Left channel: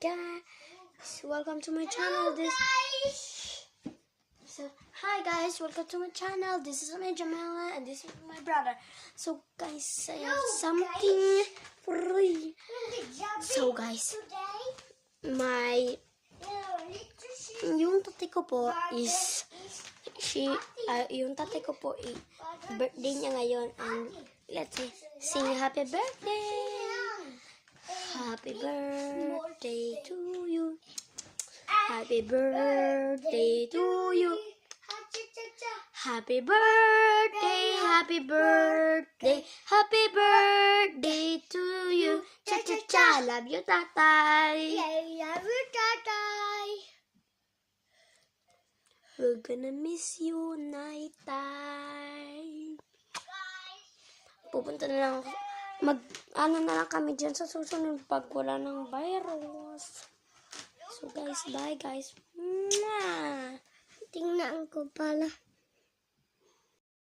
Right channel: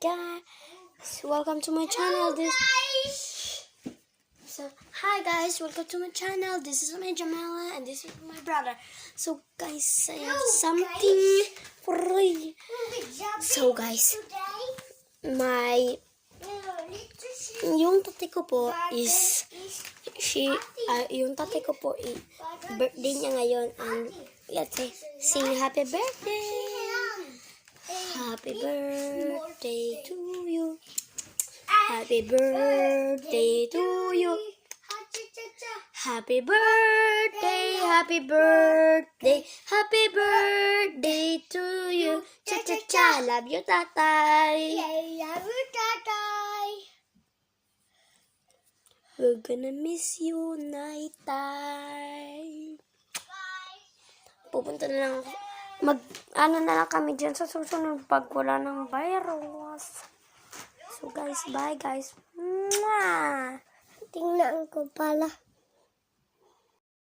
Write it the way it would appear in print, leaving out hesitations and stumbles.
guys, welcome to my channel. Hi guys, welcome to my channel. This is my Jamela and this is my brother. So guys, I have something for you. So guys, yung tatay ko po is yung tatay ko po birthday niya ngayon, and let's say sing happy birthday. Happy birthday to you. Happy birthday to you. Happy birthday, happy birthday, happy birthday to you. Cha cha cha, love you tatay. Love you, tatay. We're gonna miss you, Naitay. Pupunta na lang, ano na lang kami dyan sa susunod pag wala ng virus. So guys, bye guys. Mwah! Tingnan ko pala.